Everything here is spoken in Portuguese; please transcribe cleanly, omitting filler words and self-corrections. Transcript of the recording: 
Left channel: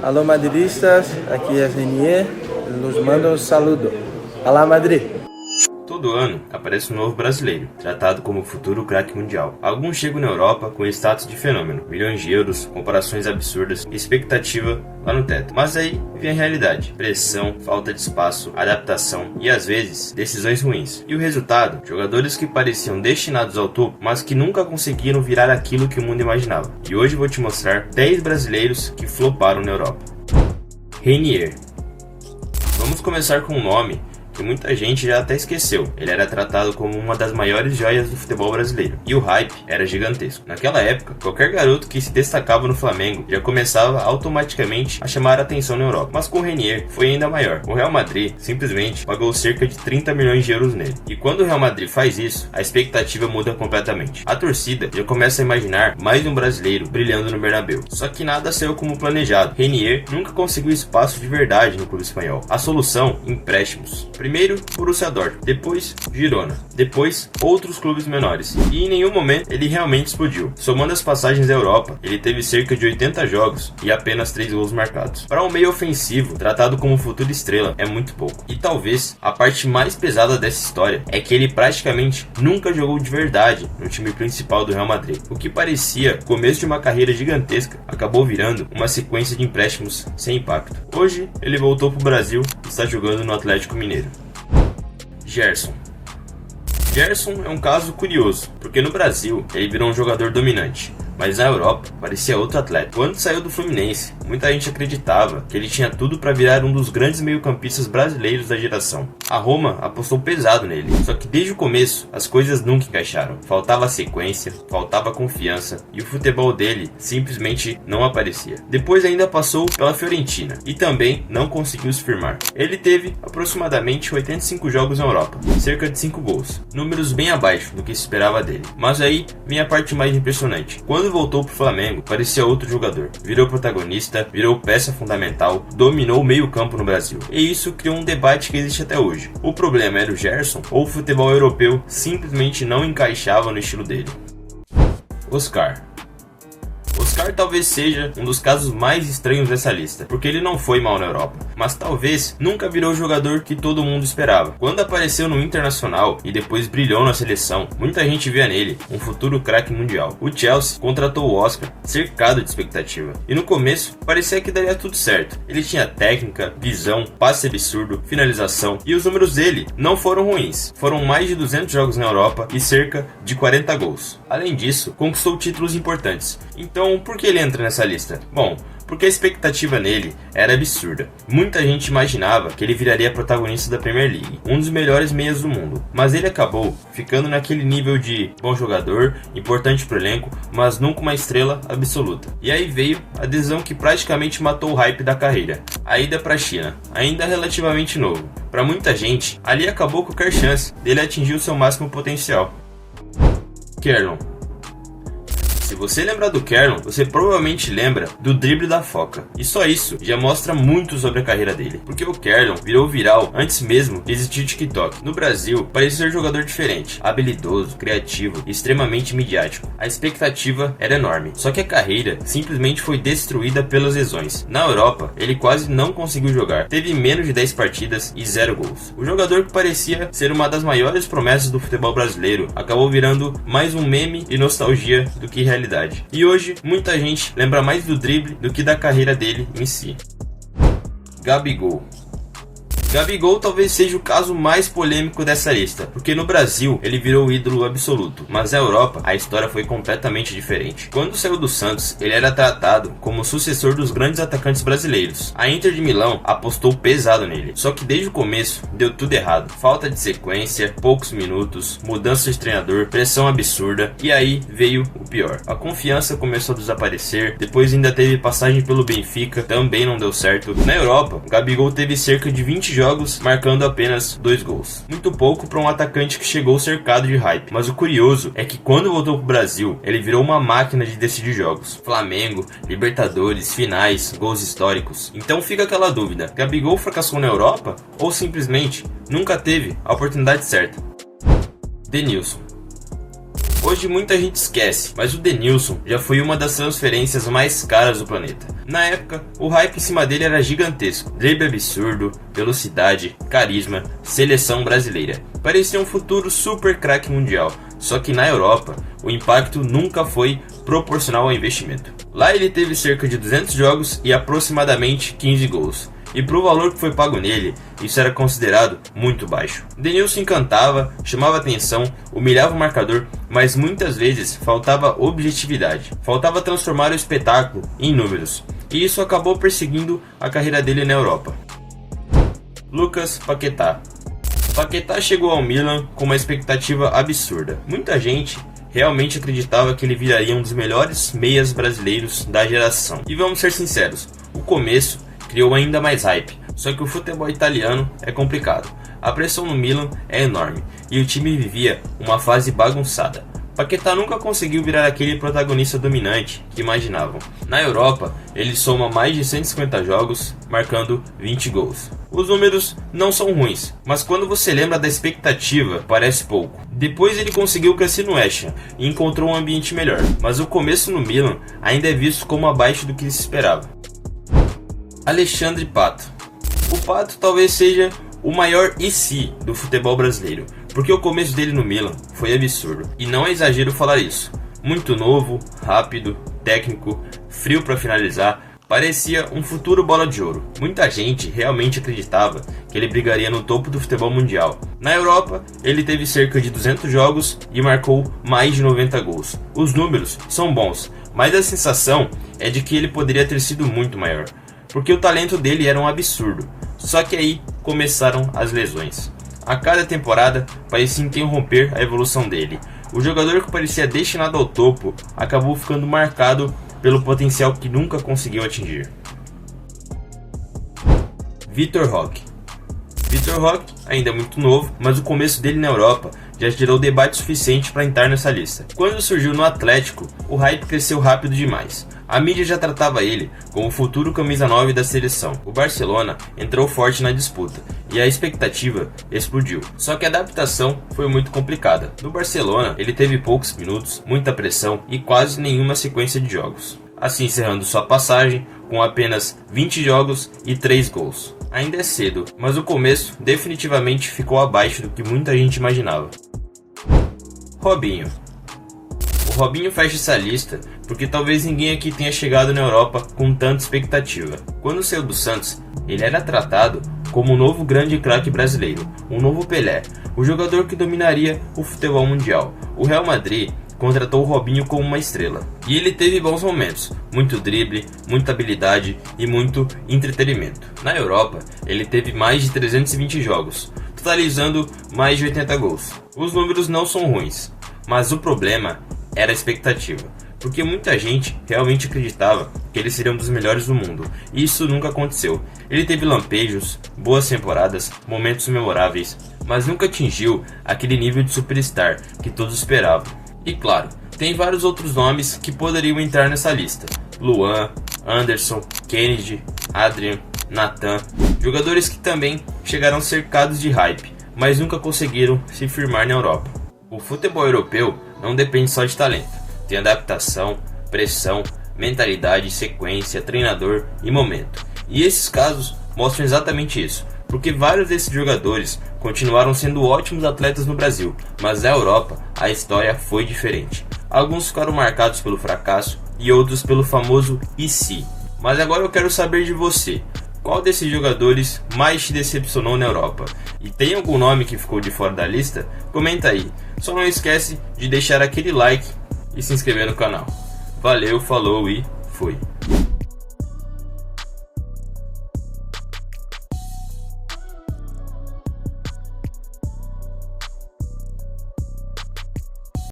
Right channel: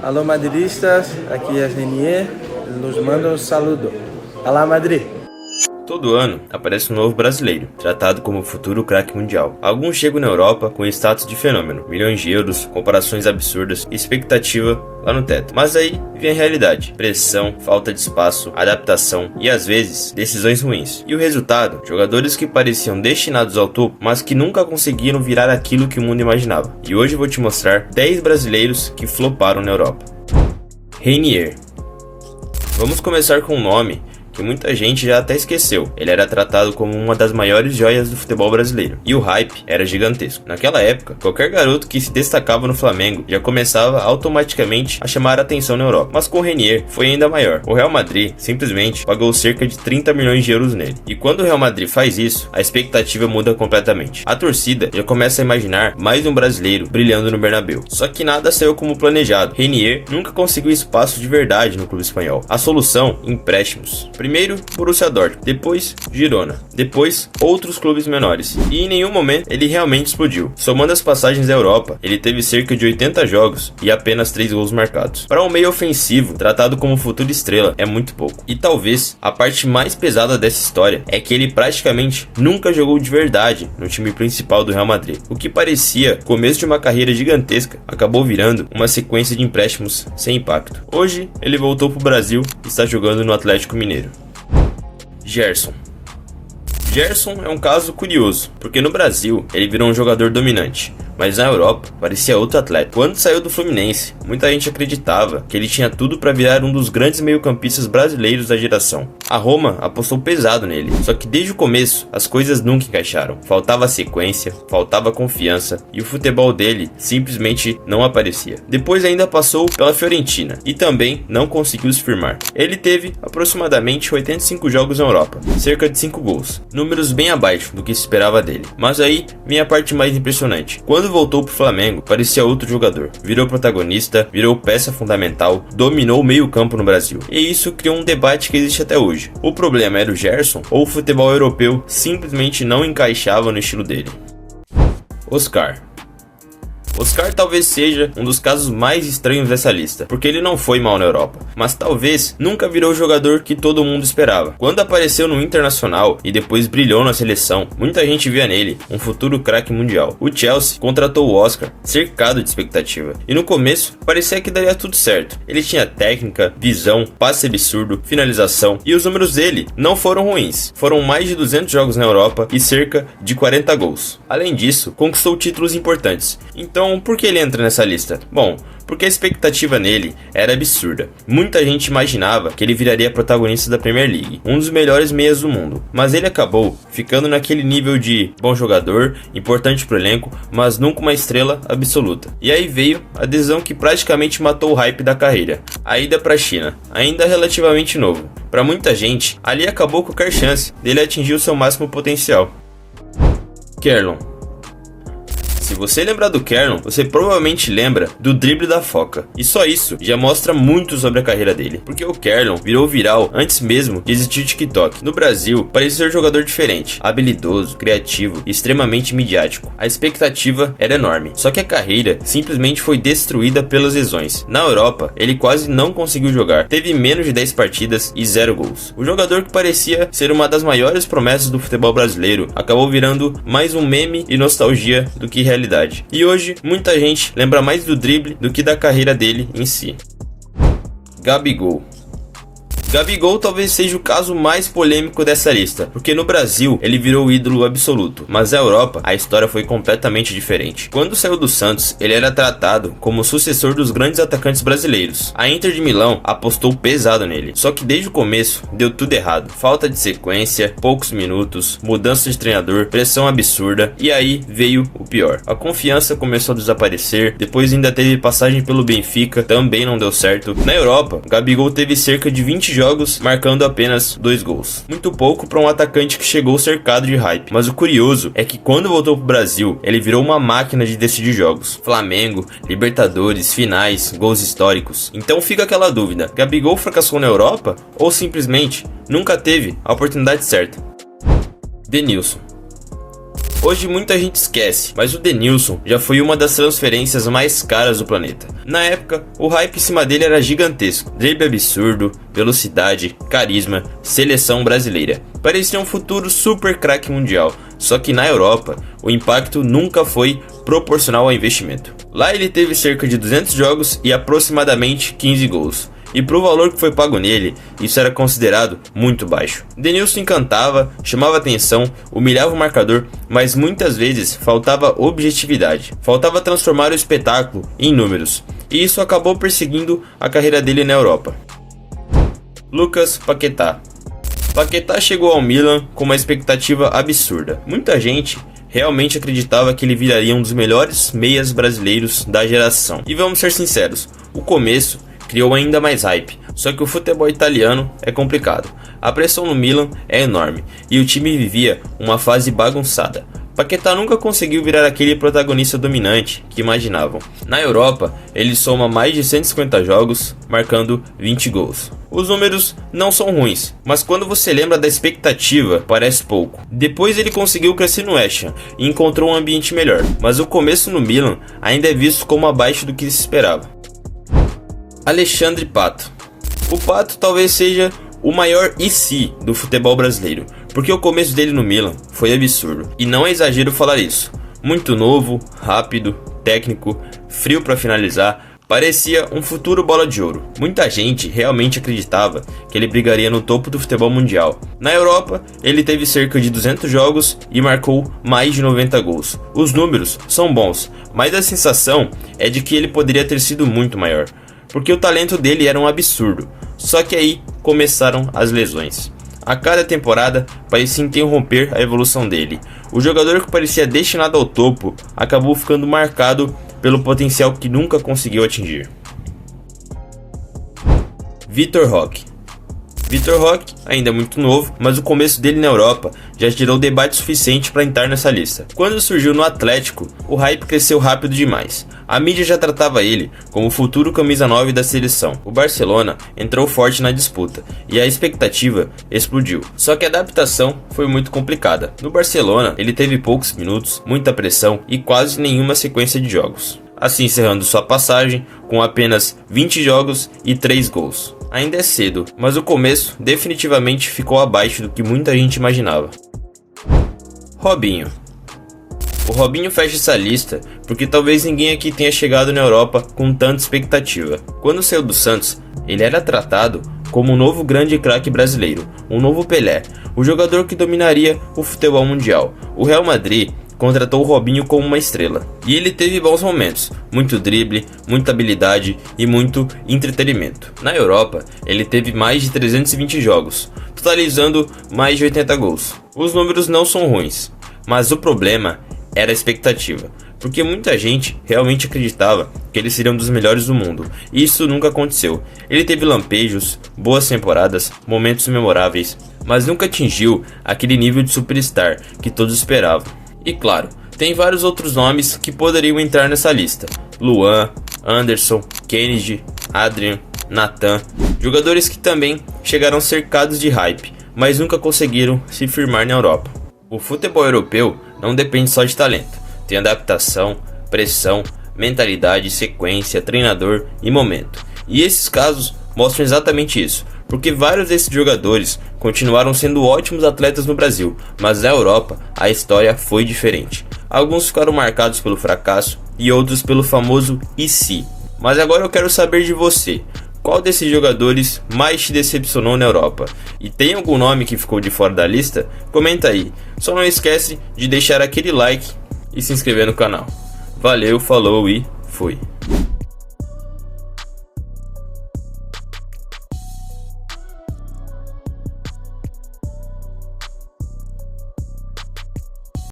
Alô madridistas, aqui é Renier, nos manda um saludo. Alá Madrid! Todo ano aparece um novo brasileiro, tratado como futuro craque mundial. Alguns chegam na Europa com status de fenômeno, milhões de euros, comparações absurdas e expectativa lá no teto. Mas aí vem a realidade: pressão, falta de espaço, adaptação e às vezes decisões ruins. E o resultado? Jogadores que pareciam destinados ao topo, mas que nunca conseguiram virar aquilo que o mundo imaginava. E hoje eu vou te mostrar 10 brasileiros que floparam na Europa. Renier. Vamos começar com um nome que muita gente já até esqueceu. Ele era tratado como uma das maiores joias do futebol brasileiro, e o hype era gigantesco. Naquela época, qualquer garoto que se destacava no Flamengo já começava automaticamente a chamar a atenção na Europa. Mas com o Renier foi ainda maior. O Real Madrid simplesmente pagou cerca de 30 milhões de euros nele. E quando o Real Madrid faz isso, a expectativa muda completamente. A torcida já começa a imaginar mais um brasileiro brilhando no Bernabéu. Só que nada saiu como planejado. Renier nunca conseguiu espaço de verdade no clube espanhol. A solução? Empréstimos. Primeiro, Borussia Dortmund, depois Girona, depois outros clubes menores, e em nenhum momento ele realmente explodiu. Somando as passagens da Europa, ele teve cerca de 80 jogos e apenas 3 gols marcados. Para um meio ofensivo, tratado como futura estrela, é muito pouco. E talvez a parte mais pesada dessa história é que ele praticamente nunca jogou de verdade no time principal do Real Madrid. O que parecia começo de uma carreira gigantesca acabou virando uma sequência de empréstimos sem impacto. Hoje ele voltou para o Brasil e está jogando no Atlético Mineiro. Gerson. Gerson é um caso curioso, porque no Brasil ele virou um jogador dominante, mas na Europa parecia outro atleta. Quando saiu do Fluminense, muita gente acreditava que ele tinha tudo para virar um dos grandes meio-campistas brasileiros da geração. A Roma apostou pesado nele, só que desde o começo as coisas nunca encaixaram. Faltava sequência, faltava confiança e o futebol dele simplesmente não aparecia. Depois ainda passou pela Fiorentina e também não conseguiu se firmar. Ele teve aproximadamente 85 jogos na Europa, cerca de 5 gols, números bem abaixo do que se esperava dele. Mas aí vem a parte mais impressionante. Quando voltou pro Flamengo, parecia outro jogador. Virou protagonista, virou peça fundamental, dominou o meio-campo no Brasil. E isso criou um debate que existe até hoje. O problema era o Gerson ou o futebol europeu simplesmente não encaixava no estilo dele? Oscar. Oscar talvez seja um dos casos mais estranhos dessa lista, porque ele não foi mal na Europa, mas talvez nunca virou o jogador que todo mundo esperava. Quando apareceu no Internacional e depois brilhou na seleção, muita gente via nele um futuro craque mundial. O Chelsea contratou o Oscar cercado de expectativa, e no começo parecia que daria tudo certo. Ele tinha técnica, visão, passe absurdo, finalização, e os números dele não foram ruins. Foram mais de 200 jogos na Europa e cerca de 40 gols. Além disso, conquistou títulos importantes. Então, por que ele entra nessa lista? Bom, porque a expectativa nele era absurda. Muita gente imaginava que ele viraria protagonista da Premier League, um dos melhores meias do mundo, mas ele acabou ficando naquele nível de bom jogador, importante pro elenco, mas nunca uma estrela absoluta. E aí veio a adesão que praticamente matou o hype da carreira, a ida pra China, ainda relativamente novo. Para muita gente, ali acabou qualquer chance dele atingir o seu máximo potencial. Kerlon. Se você lembrar do Kerlon, você provavelmente lembra do drible da Foca. E só isso já mostra muito sobre a carreira dele, porque o Kerlon virou viral antes mesmo de existir o TikTok. No Brasil, parecia ser um jogador diferente, habilidoso, criativo e extremamente midiático. A expectativa era enorme, só que a carreira simplesmente foi destruída pelas lesões. Na Europa, ele quase não conseguiu jogar, teve menos de 10 partidas e 0 gols. O jogador que parecia ser uma das maiores promessas do futebol brasileiro acabou virando mais um meme e nostalgia do que realidade. E hoje, muita gente lembra mais do drible do que da carreira dele em si. Gabigol. Gabigol talvez seja o caso mais polêmico dessa lista, porque no Brasil ele virou o ídolo absoluto, mas na Europa a história foi completamente diferente. Quando saiu do Santos, ele era tratado como o sucessor dos grandes atacantes brasileiros. A Inter de Milão apostou pesado nele, só que desde o começo deu tudo errado. Falta de sequência, poucos minutos, mudança de treinador, pressão absurda, e aí veio o pior. A confiança começou a desaparecer, depois ainda teve passagem pelo Benfica, também não deu certo. Na Europa, Gabigol teve cerca de 20 jogos, marcando apenas 2 gols. Muito pouco para um atacante que chegou cercado de hype, mas o curioso é que quando voltou pro Brasil, ele virou uma máquina de decidir jogos. Flamengo, Libertadores, finais, gols históricos. Então fica aquela dúvida, Gabigol fracassou na Europa ou simplesmente nunca teve a oportunidade certa? Denilson. Hoje muita gente esquece, mas o Denilson já foi uma das transferências mais caras do planeta. Na época, o hype em cima dele era gigantesco. Drible absurdo, velocidade, carisma, seleção brasileira. Parecia um futuro super craque mundial. Só que na Europa, o impacto nunca foi proporcional ao investimento. Lá ele teve cerca de 200 jogos e aproximadamente 15 gols. E pro valor que foi pago nele, isso era considerado muito baixo. Denilson encantava, chamava atenção, humilhava o marcador, mas muitas vezes faltava objetividade. Faltava transformar o espetáculo em números. E isso acabou perseguindo a carreira dele na Europa. Lucas Paquetá. Paquetá chegou ao Milan com uma expectativa absurda. Muita gente realmente acreditava que ele viraria um dos melhores meias brasileiros da geração. E vamos ser sinceros, o começo criou ainda mais hype, só que o futebol italiano é complicado. A pressão no Milan é enorme e o time vivia uma fase bagunçada. Paquetá nunca conseguiu virar aquele protagonista dominante que imaginavam. Na Europa, ele soma mais de 150 jogos, marcando 20 gols. Os números não são ruins, mas quando você lembra da expectativa, parece pouco. Depois ele conseguiu crescer no West Ham e encontrou um ambiente melhor, mas o começo no Milan ainda é visto como abaixo do que se esperava. Alexandre Pato. O Pato talvez seja o maior IC do futebol brasileiro, porque o começo dele no Milan foi absurdo, e não é exagero falar isso. Muito novo, rápido, técnico, frio para finalizar, parecia um futuro bola de ouro. Muita gente realmente acreditava que ele brigaria no topo do futebol mundial. Na Europa, ele teve cerca de 200 jogos e marcou mais de 90 gols. Os números são bons, mas a sensação é de que ele poderia ter sido muito maior, porque o talento dele era um absurdo. Só que aí começaram as lesões. A cada temporada parecia interromper a evolução dele. O jogador que parecia destinado ao topo acabou ficando marcado pelo potencial que nunca conseguiu atingir. Vitor Roque. Vitor Roque ainda é muito novo, mas o começo dele na Europa já gerou debate suficiente para entrar nessa lista. Quando surgiu no Atlético, o hype cresceu rápido demais. A mídia já tratava ele como o futuro camisa 9 da seleção. O Barcelona entrou forte na disputa e a expectativa explodiu. Só que a adaptação foi muito complicada. No Barcelona, ele teve poucos minutos, muita pressão e quase nenhuma sequência de jogos, assim encerrando sua passagem com apenas 20 jogos e 3 gols. Ainda é cedo, mas o começo definitivamente ficou abaixo do que muita gente imaginava. Robinho. O Robinho fecha essa lista porque talvez ninguém aqui tenha chegado na Europa com tanta expectativa. Quando saiu do Santos, ele era tratado como um novo grande craque brasileiro, um novo Pelé, o jogador que dominaria o futebol mundial. O Real Madrid contratou o Robinho como uma estrela, e ele teve bons momentos, muito drible, muita habilidade e muito entretenimento. Na Europa, ele teve mais de 320 jogos, totalizando mais de 80 gols. Os números não são ruins, mas o problema era a expectativa, porque muita gente realmente acreditava que ele seria um dos melhores do mundo, e isso nunca aconteceu. Ele teve lampejos, boas temporadas, momentos memoráveis, mas nunca atingiu aquele nível de superstar que todos esperavam. E claro, tem vários outros nomes que poderiam entrar nessa lista: Luan, Anderson, Kennedy, Adrian, Nathan, jogadores que também chegaram cercados de hype, mas nunca conseguiram se firmar na Europa. O futebol europeu não depende só de talento, tem adaptação, pressão, mentalidade, sequência, treinador e momento. E esses casos mostram exatamente isso, porque vários desses jogadores continuaram sendo ótimos atletas no Brasil, mas na Europa a história foi diferente. Alguns ficaram marcados pelo fracasso e outros pelo famoso "e se". Mas agora eu quero saber de você. Qual desses jogadores mais te decepcionou na Europa? E tem algum nome que ficou de fora da lista? Comenta aí. Só não esquece de deixar aquele like e se inscrever no canal. Valeu, falou e fui.